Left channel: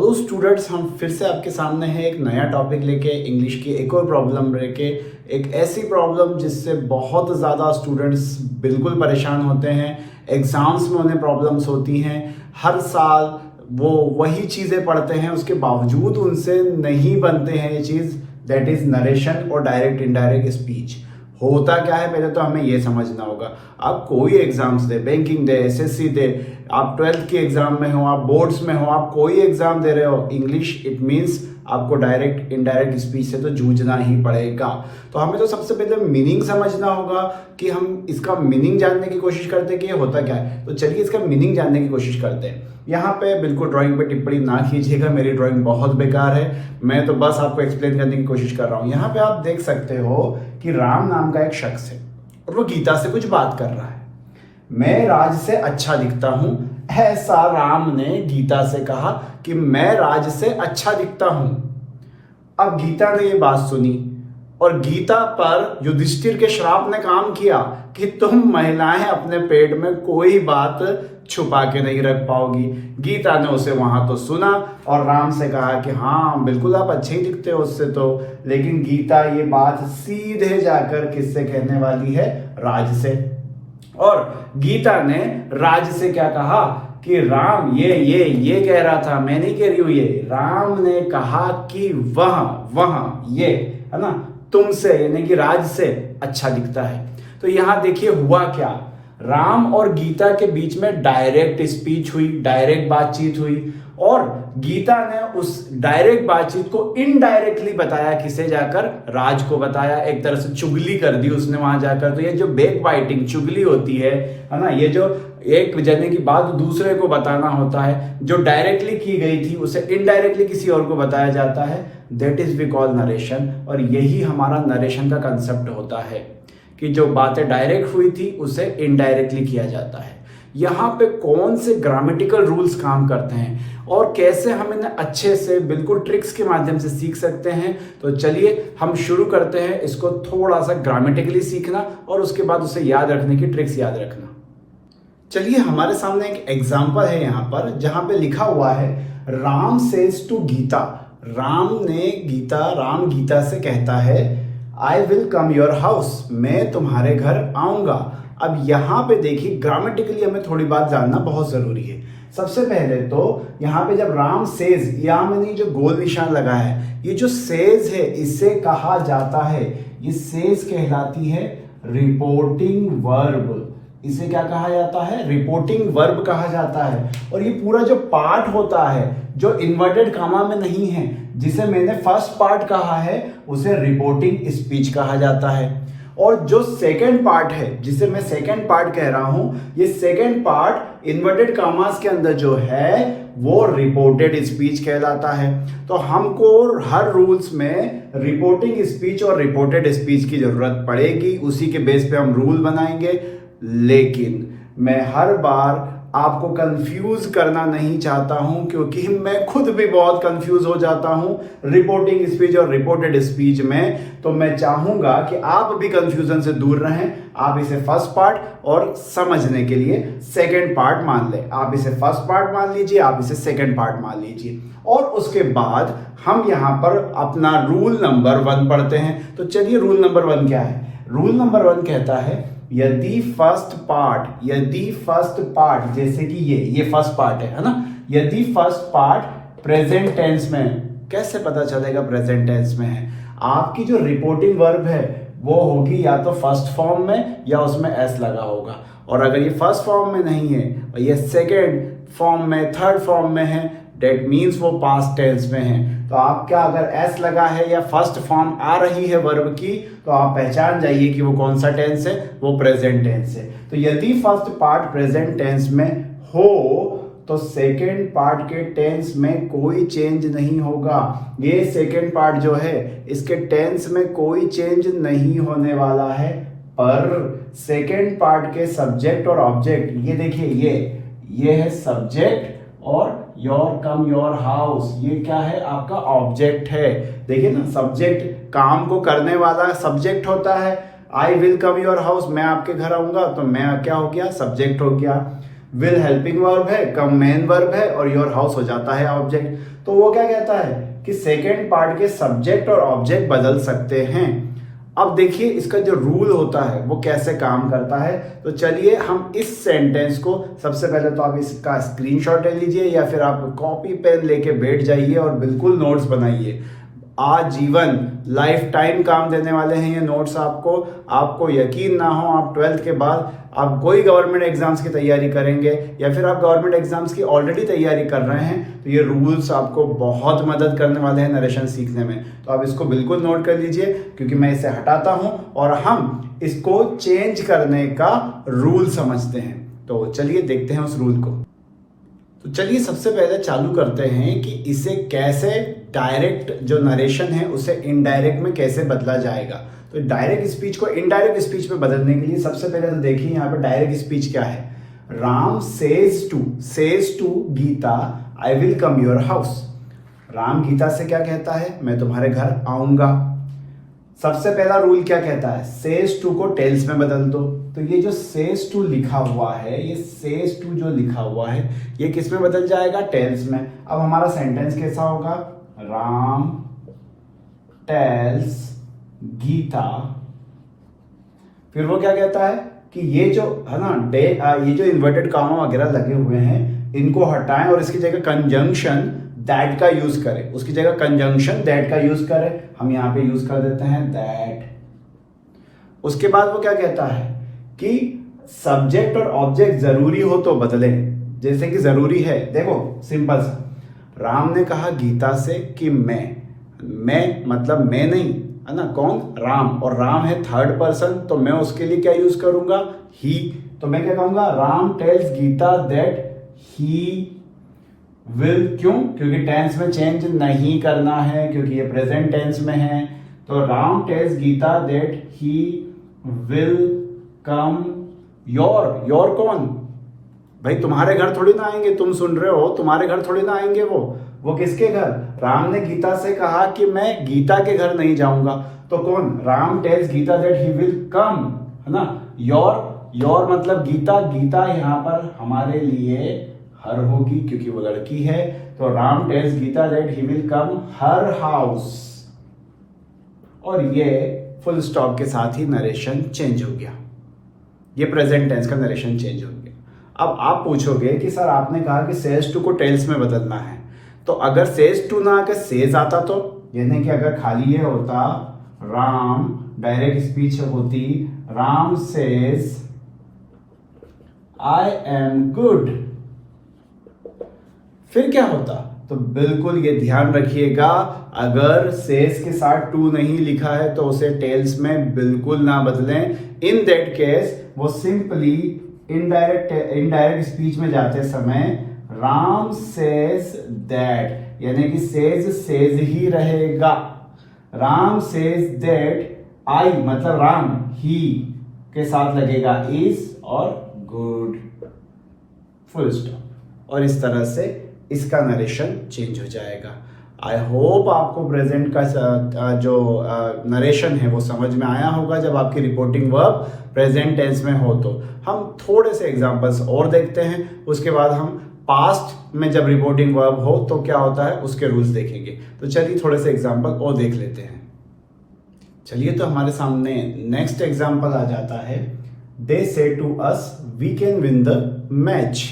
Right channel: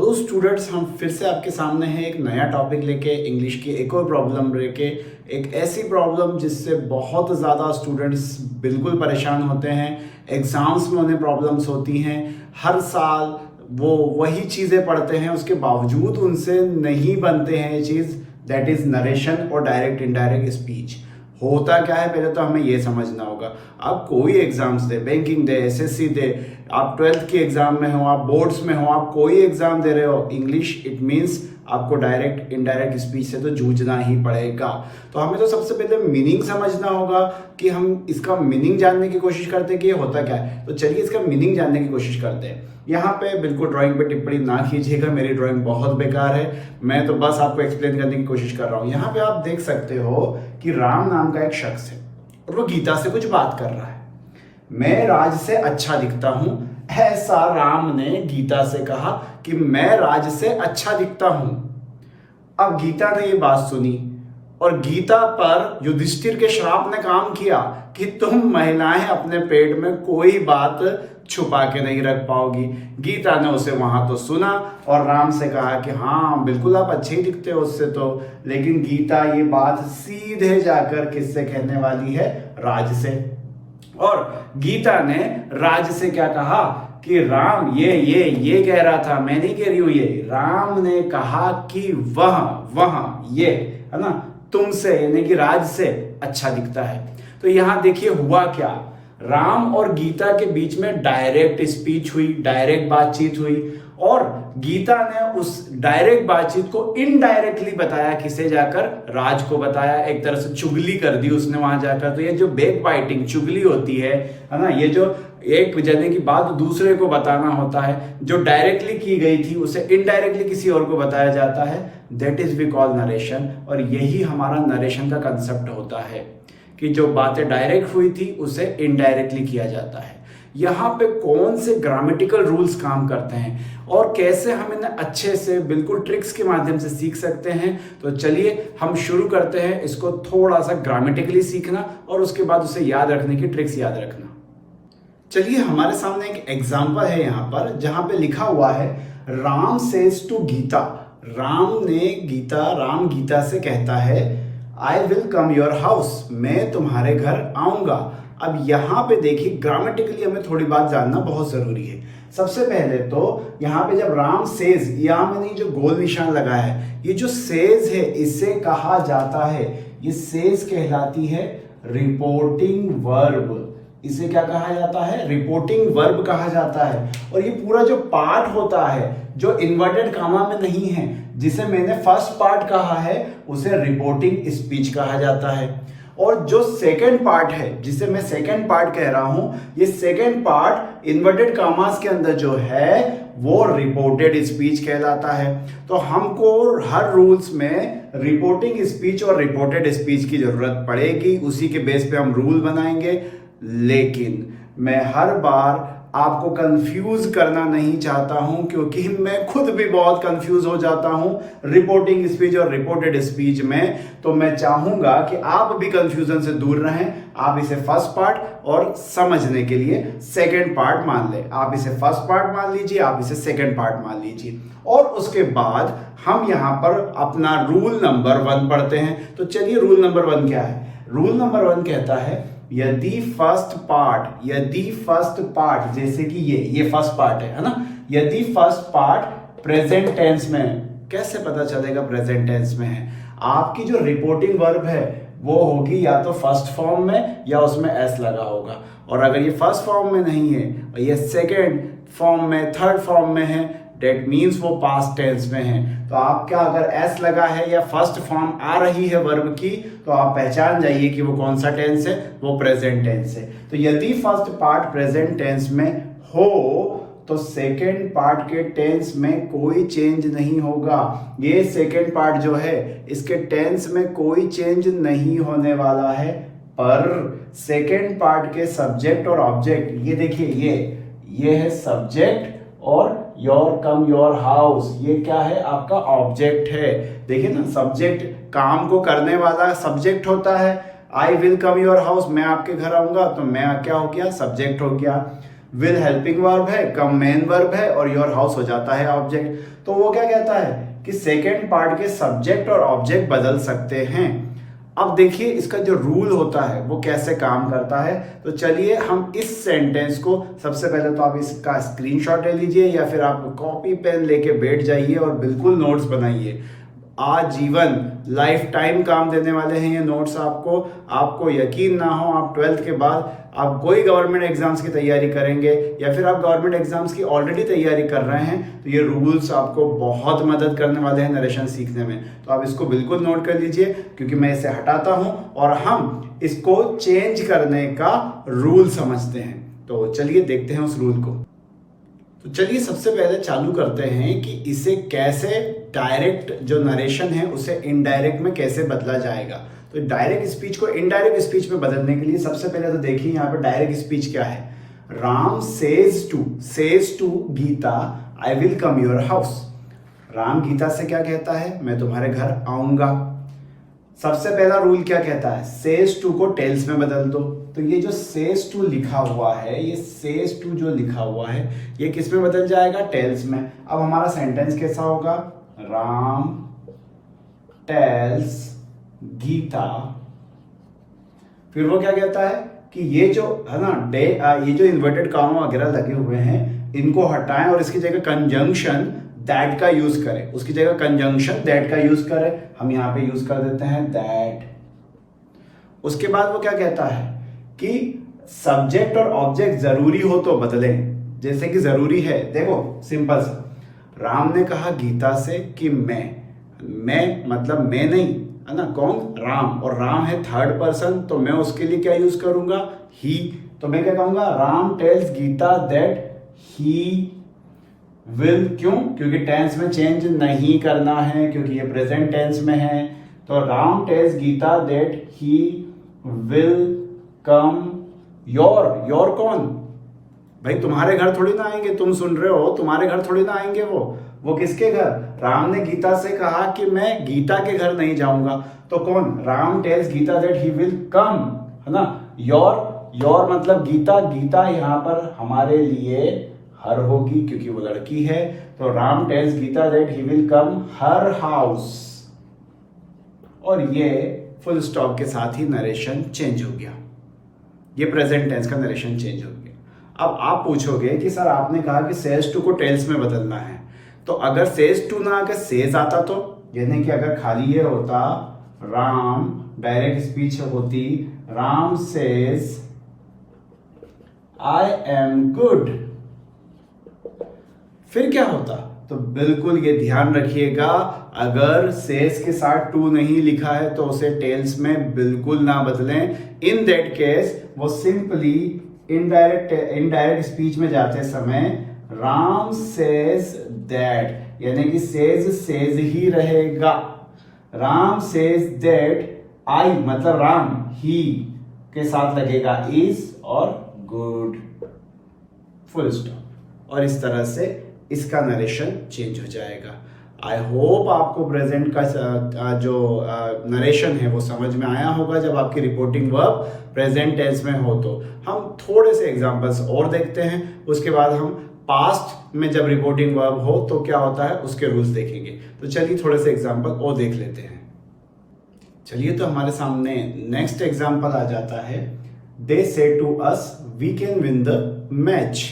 Hello students, हम फिर से आपके सामने हैं एक नया टॉपिक लेके, इंग्लिश की एक और प्रॉब्लम लेके। एक ऐसी प्रॉब्लम जिससे बहुत ज़्यादा स्टूडेंट्स बिल्कुल परेशान होते हैं। एग्जाम्स में उन्हें प्रॉब्लम्स होती हैं। हर साल वो वही चीज़ें पढ़ते हैं, उसके बावजूद उनसे नहीं बनते हैं ये चीज़, दैट इज़ नरेशन और डायरेक्ट इनडायरेक्ट स्पीच। होता क्या है पहले तो हमें ये समझना होगा। आप कोई एग्जाम्स दे, बैंकिंग दे, एसएससी दे, आप 12th की एग्जाम में हो, आप बोर्ड्स में हो, आप कोई एग्जाम दे रहे हो, इंग्लिश इट मीन्स आपको डायरेक्ट इनडायरेक्ट स्पीच से तो जूझना ही पड़ेगा। तो हमें तो सबसे पहले मीनिंग समझना होगा कि हम इसका मीनिंग जानने की कोशिश करते हैं कि ये होता क्या है। तो चलिए इसका मीनिंग जानने की कोशिश करते हैं। यहाँ पे बिल्कुल ड्राइंग पे टिप्पणी ना कीजिएगा, मेरी ड्राइंग बहुत बेकार है, मैं तो बस आपको एक्सप्लेन करने की कोशिश कर रहा हूँ। यहाँ पे आप देख सकते हो कि राम नाम का एक शख्स है और वो गीता से कुछ बात कर रहा है। मैं राज से अच्छा दिखता हूं, ऐसा राम ने गीता से कहा कि मैं राज से अच्छा दिखता हूं। अब गीता ने ये बात सुनी और गीता पर युधिष्ठिर के श्राप ने काम किया कि तुम महिलाएं अपने पेट में कोई बात छुपा के नहीं रख पाओगी। गीता ने उसे वहां तो सुना और राम से कहा कि हाँ बिल्कुल आप अच्छे ही दिखते हो उससे तो, लेकिन गीता ये बात सीधे जाकर किससे कहने वाली है? राज से। और गीता ने राज से क्या कहा कि राम ये कह रहा था, मैं नहीं कह रही हूं ये। राम ने कहा कि वह ये है ना तुमसे यानी कि राज से अच्छा दिखता है। तो यहां देखिए हुआ क्या, राम और गीता के बीच में डायरेक्ट स्पीच हुई, डायरेक्ट बातचीत हुई और गीता ने उस डायरेक्ट बातचीत को इनडायरेक्टली बताया, किसे जाकर? राज को बताया। एक तरह से चुगली कर दी उसने वहां जाकर। तो ये जो बैक बाइटिंग चुगली होती है ना, ये जो एक जने की बात दूसरे को बताना होता है, जो डायरेक्टली की गई थी उसे इनडायरेक्टली किसी और को बताया जाता है, that is we call narration. और यही हमारा नरेशन का कंसेप्ट होता है कि जो बातें डायरेक्ट हुई थी उसे इनडायरेक्टली किया जाता है। यहाँ पे कौन से ग्रामेटिकल रूल्स काम करते हैं और कैसे हम इन्हें अच्छे से बिल्कुल ट्रिक्स के माध्यम से सीख सकते हैं। तो चलिए हम शुरू करते हैं इसको थोड़ा सा ग्रामेटिकली सीखना और उसके बाद उसे याद रखने की ट्रिक्स याद रखना। चलिए हमारे सामने एक एग्जाम्पल है यहाँ पर, जहां पे लिखा हुआ है राम सेज टू गीता। राम गीता से कहता है आई विल कम योर हाउस, मैं तुम्हारे घर आऊंगा। अब यहां पे देखिए ग्रामेटिकली हमें थोड़ी बात जानना बहुत जरूरी है। सबसे पहले तो यहां पे जब राम सेज, यहां मैंने जो गोल निशान लगाया है, ये जो सेज है इसे कहा जाता है, ये सेज कहलाती है रिपोर्टिंग वर्ब। इसे क्या कहा जाता है? रिपोर्टिंग वर्ब कहा जाता है। और ये पूरा जो पार्ट होता है जो इन्वर्टेड कामा में नहीं है, जिसे मैंने फर्स्ट पार्ट कहा है, उसे रिपोर्टिंग स्पीच कहा जाता है। और जो सेकेंड पार्ट है, जिसे मैं सेकेंड पार्ट कह रहा हूं, ये सेकेंड पार्ट इन्वर्टेड कामास के अंदर जो है वो रिपोर्टेड स्पीच कहलाता है। तो हमको हर रूल्स में रिपोर्टिंग स्पीच और रिपोर्टेड स्पीच की जरूरत पड़ेगी, उसी के बेस पे हम रूल बनाएंगे। लेकिन मैं हर बार आपको कंफ्यूज करना नहीं चाहता हूं, क्योंकि मैं खुद भी बहुत कंफ्यूज हो जाता हूं रिपोर्टिंग स्पीच और रिपोर्टेड स्पीच में। तो मैं चाहूंगा कि आप भी कंफ्यूजन से दूर रहें। आप इसे फर्स्ट पार्ट और समझने के लिए सेकंड पार्ट मान लें। आप इसे फर्स्ट पार्ट मान लीजिए, आप इसे सेकंड पार्ट मान लीजिए। और उसके बाद हम यहां पर अपना रूल नंबर 1 पढ़ते हैं। तो चलिए रूल नंबर 1 क्या है? रूल नंबर 1 कहता है यदि फर्स्ट पार्ट जैसे कि ये फर्स्ट पार्ट है ना, यदि फर्स्ट पार्ट प्रेजेंट टेंस में, कैसे पता चलेगा प्रेजेंट टेंस में है? आपकी जो रिपोर्टिंग वर्ब है वो होगी या तो फर्स्ट फॉर्म में या उसमें एस लगा होगा। और अगर ये फर्स्ट फॉर्म में नहीं है और ये सेकेंड फॉर्म में, थर्ड फॉर्म में है, डेट मीन्स वो पास्ट टेंस में है। तो आपका अगर एस लगा है या फर्स्ट फॉर्म आ रही है वर्ब की, तो आप पहचान जाइए कि वो कौन सा टेंस है, वो प्रेजेंट टेंस है। तो यदि फर्स्ट पार्ट प्रेजेंट टेंस में हो तो सेकेंड पार्ट के टेंस में कोई चेंज नहीं होगा। ये सेकेंड पार्ट जो है इसके टेंस में कोई चेंज नहीं होने वाला है। पर सेकेंड पार्ट के सब्जेक्ट और ऑब्जेक्ट, ये देखिए ये है सब्जेक्ट और योर कम योर हाउस, ये क्या है? आपका ऑब्जेक्ट है। देखिए ना, सब्जेक्ट काम को करने वाला सब्जेक्ट होता है। आई विल कम योर हाउस, मैं आपके घर आऊंगा, तो मैं क्या हो गया? सब्जेक्ट हो गया। विल हेल्पिंग वर्ब है, कम मेन वर्ब है और योर हाउस हो जाता है ऑब्जेक्ट। तो वो क्या कहता है कि सेकेंड पार्ट के सब्जेक्ट और ऑब्जेक्ट बदल सकते हैं। अब देखिए इसका जो रूल होता है वो कैसे काम करता है। तो चलिए हम इस सेंटेंस को, सबसे पहले तो आप इसका स्क्रीनशॉट ले लीजिए या फिर आप कॉपी पेन लेके बैठ जाइए और बिल्कुल नोट्स बनाइए। आजीवन लाइफ टाइम काम देने वाले हैं ये नोट्स आपको यकीन ना हो, आप 12th के बाद आप कोई गवर्नमेंट एग्जाम्स की तैयारी करेंगे या फिर आप गवर्नमेंट एग्जाम्स की ऑलरेडी तैयारी कर रहे हैं तो ये रूल्स आपको बहुत मदद करने वाले हैं नरेशन सीखने में। तो आप इसको बिल्कुल नोट कर लीजिए क्योंकि मैं इसे हटाता हूं और हम इसको चेंज करने का रूल समझते हैं। तो चलिए देखते हैं उस रूल को। तो चलिए सबसे पहले चालू करते हैं कि इसे कैसे डायरेक्ट जो नरेशन है उसे इनडायरेक्ट में कैसे बदला जाएगा। तो डायरेक्ट स्पीच को इनडायरेक्ट स्पीच में बदलने के लिए सबसे पहले तो देखिए यहाँ पे डायरेक्ट स्पीच क्या है। Ram says to Geeta I will come your house. Ram Geeta से क्या कहता है, मैं तुम्हारे घर आऊंगा। सबसे पहला रूल क्या कहता है, सेज टू को टेल्स में बदल दो। तो ये जो सेज टू लिखा हुआ है, ये सेज टू जो लिखा हुआ है ये किस में बदल जाएगा, टेल्स में। अब हमारा सेंटेंस कैसा होगा, राम टेल्स गीता। फिर वो क्या कहता है कि ये जो है ना ये जो इन्वर्टेड कॉमा वगैरह लगे हुए हैं इनको हटाएं और इसकी जगह कंजंक्शन दैट का यूज करें। उसकी जगह कंजंक्शन दैट का यूज करें, हम यहां पे यूज कर देते हैं दैट। उसके बाद वो क्या कहता है कि सब्जेक्ट और ऑब्जेक्ट जरूरी हो तो बदलें। जैसे कि जरूरी है, देखो सिंपल सा, राम ने कहा गीता से कि मैं मतलब मैं नहीं है ना, कौन, राम, और राम है थर्ड पर्सन तो मैं उसके लिए क्या यूज करूंगा, ही। तो मैं क्या कहूंगा, Ram tells Geeta that he will. क्यों, क्योंकि टेंस में चेंज नहीं करना है क्योंकि ये प्रेजेंट टेंस में है। तो Ram tells Geeta that he will come your कौन, भाई तुम्हारे घर थोड़ी ना आएंगे, तुम सुन रहे हो, तुम्हारे घर थोड़ी ना आएंगे वो किसके घर, राम ने गीता से कहा कि मैं गीता के घर नहीं जाऊंगा। तो कौन, Ram tells Geeta that he will come, है ना। योर मतलब गीता यहां पर हमारे लिए हर होगी क्योंकि वो लड़की है। तो Ram tells Geeta that he will come her house, और ये फुल स्टॉप के साथ ही नरेशन चेंज हो गया। ये प्रेजेंट टेंस का नरेशन चेंज हो गया। अब आप पूछोगे कि सर आपने कहा कि सेज टू को टेल्स में बदलना है, तो अगर सेज टू ना आकर सेज आता तो, यानी कि अगर खाली ये होता राम, डायरेक्ट स्पीच होती Ram says I am good, फिर क्या होता। तो बिल्कुल ये ध्यान रखिएगा, अगर सेज के साथ टू नहीं लिखा है तो उसे टेल्स में बिल्कुल ना बदलें। इन दैट केस वो सिंपली इनडायरेक्ट स्पीच में जाते समय राम सेज दैट, यानी कि सेज ही रहेगा। राम सेज दैट आई मतलब राम, ही के साथ लगेगा इज और गुड, फुल स्टॉप। और इस तरह से इसका नरेशन चेंज हो जाएगा। आई होप आपको प्रेजेंट का जो नरेशन है वो समझ में आया होगा। जब आपकी रिपोर्टिंग वर्ब प्रेजेंट टेंस में हो तो हम थोड़े से एग्जांपल्स और देखते हैं, उसके बाद हम पास्ट में जब रिपोर्टिंग वर्ब हो तो क्या होता है उसके रूल्स देखेंगे। तो चलिए थोड़े से एग्जांपल और देख लेते हैं। चलिए तो हमारे सामने नेक्स्ट एग्जांपल आ जाता है, they say to us we can win the match.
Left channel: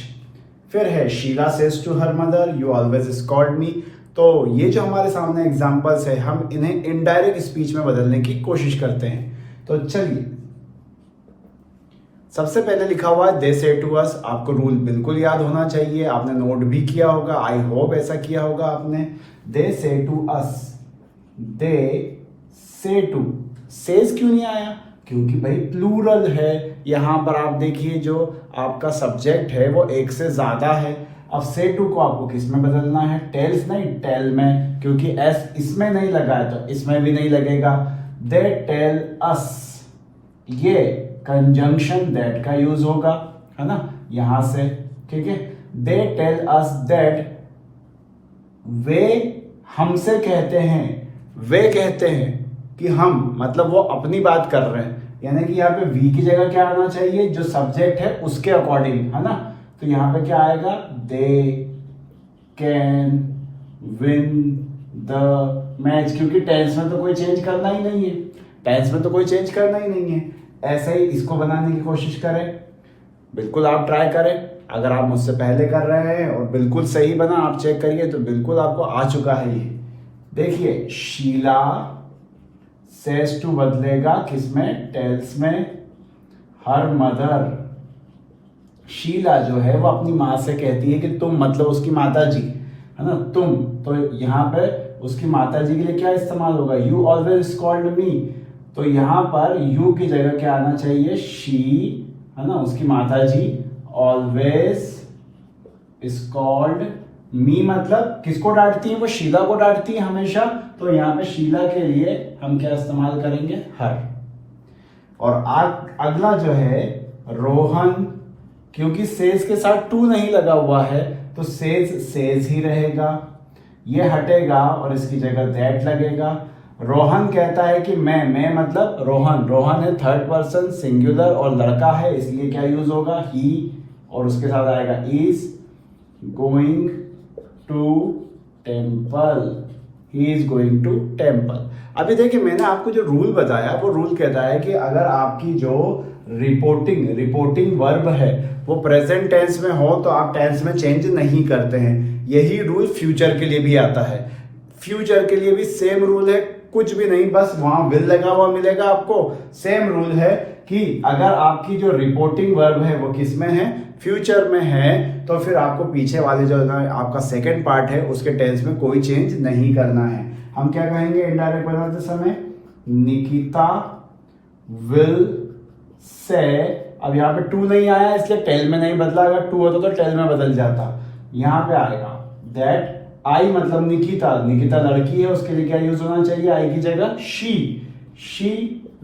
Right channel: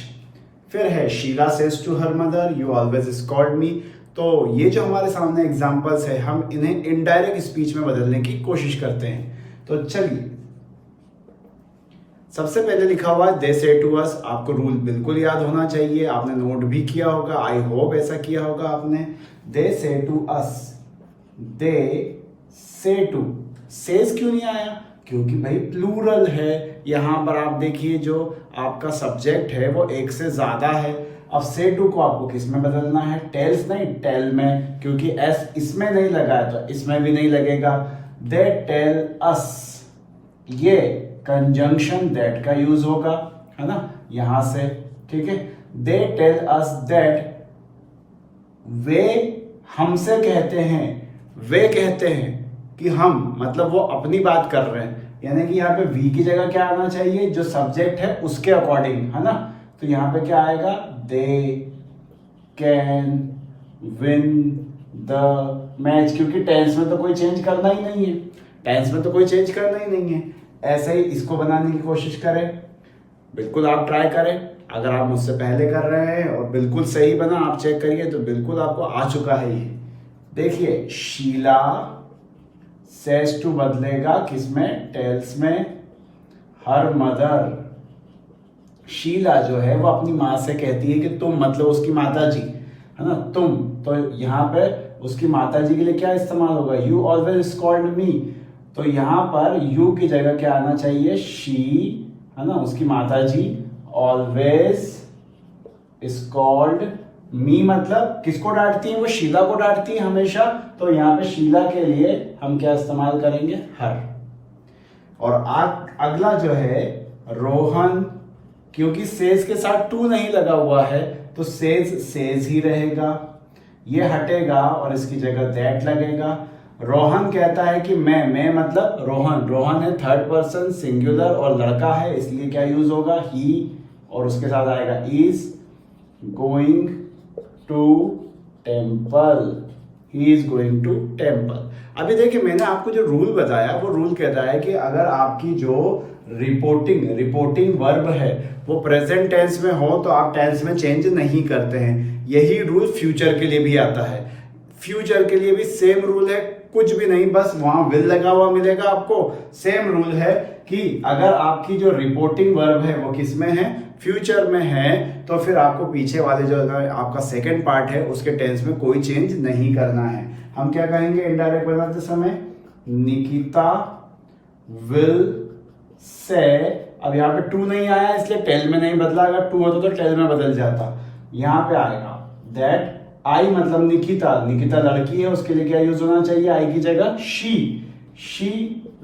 फिर है Sheela says to her mother you always scold me. तो ये जो हमारे सामने एग्जांपल्स है हम इन्हें इनडायरेक्ट स्पीच में बदलने की कोशिश करते हैं। तो चलिए सबसे पहले लिखा हुआ है दे से टू अस। आपको रूल बिल्कुल याद होना चाहिए, आपने नोट भी किया होगा, आई होप ऐसा किया होगा आपने। दे say to us, they say to, says क्यों नहीं आया, क्योंकि भाई प्लूरल है। यहां पर आप देखिए जो आपका सब्जेक्ट है वो एक से ज्यादा है। अब से टू को आपको किस में बदलना है, टेल्स नहीं टेल में, क्योंकि एस इसमें नहीं लगा है तो इसमें भी नहीं लगेगा। दे टेल अस, ये कंजंक्शन दैट का यूज होगा, है ना, यहां से, ठीक है। दे टेल अस दैट, वे हमसे कहते हैं, वे कहते हैं कि हम, मतलब वो अपनी बात कर रहे हैं, यानी कि यहाँ पे वी की जगह क्या आना चाहिए, जो सब्जेक्ट है उसके अकॉर्डिंग, है ना। तो यहाँ पे क्या आएगा, they can win the match, क्योंकि टेंस में तो कोई चेंज करना ही नहीं है, टेंस में तो कोई चेंज करना ही नहीं है। ऐसे ही इसको बनाने की कोशिश करें, बिल्कुल आप ट्राई करें। अगर आप मुझसे पहले कर रहे हैं और बिल्कुल सही बना, आप चेक करिए तो बिल्कुल आपको आ चुका है ये। देखिए, शीला सेज टू बदलेगा किसमें, टेल्स में। हर मदर, शीला जो है वो अपनी माँ से कहती है कि तुम, मतलब उसकी माता जी है ना, तुम। तो यहाँ पे उसकी माता जी के लिए क्या इस्तेमाल होगा, यू ऑलवेज कॉल्ड मी। तो यहाँ पर यू की जगह क्या आना चाहिए, शी, है ना, उसकी माता जी ऑलवेज इज कॉल्ड मी, मतलब किसको डांटती है वो, शीला को डांटती है हमेशा। तो यहाँ पे शीला के लिए हम क्या इस्तेमाल करेंगे, हर। और अगला जो है रोहन, क्योंकि सेज के साथ टू नहीं लगा हुआ है तो सेज ही रहेगा, ये हटेगा और इसकी जगह दैट लगेगा। रोहन कहता है कि मैं मतलब रोहन, रोहन है थर्ड पर्सन सिंगुलर और लड़का है, इसलिए क्या यूज होगा, ही, और उसके साथ आएगा is going to temple, he is going to temple. अभी देखिए, मैंने आपको जो रूल बताया वो रूल कहता है कि अगर आपकी जो रिपोर्टिंग वर्ब है वो प्रेजेंट टेंस में हो तो आप टेंस में चेंज नहीं करते हैं। यही रूल फ्यूचर के लिए भी आता है। फ्यूचर के लिए भी सेम रूल है, कुछ भी नहीं, बस वहां विल लगा हुआ मिलेगा आपको। सेम रूल है कि अगर आपकी जो रिपोर्टिंग वर्ब है वो किस में है, फ्यूचर में है, तो फिर आपको पीछे वाले जो आपका सेकंड पार्ट है उसके टेंस में कोई चेंज नहीं करना है। हम क्या कहेंगे इनडायरेक्ट बनाते समय, निकिता विल से। अब यहाँ पे टू नहीं आया इसलिए टेल में नहीं बदला, अगर टू होता तो टेल में बदल जाता। यहाँ पे आएगा दैट आई, मतलब निकिता, निकिता लड़की है, उसके लिए क्या यूज होना चाहिए, आई की जगह she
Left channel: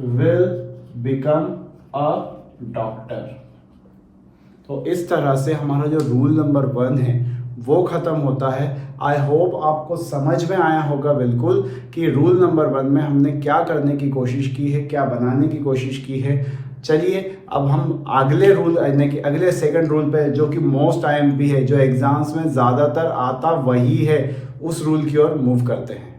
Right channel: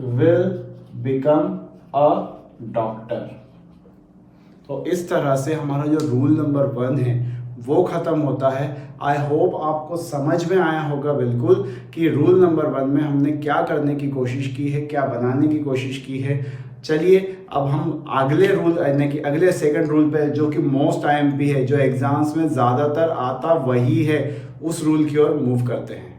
will become a doctor. तो इस तरह से हमारा जो रूल नंबर 1 है वो खत्म होता है। आई होप आपको समझ में आया होगा बिल्कुल कि रूल नंबर 1 में हमने क्या करने की कोशिश की है, क्या बनाने की कोशिश की है। चलिए अब हम अगले रूल यानी कि अगले सेकंड रूल पे, जो कि मोस्ट आईएमपी है, जो एग्जाम्स में ज्यादातर आता वही है, उस रूल की ओर मूव करते हैं।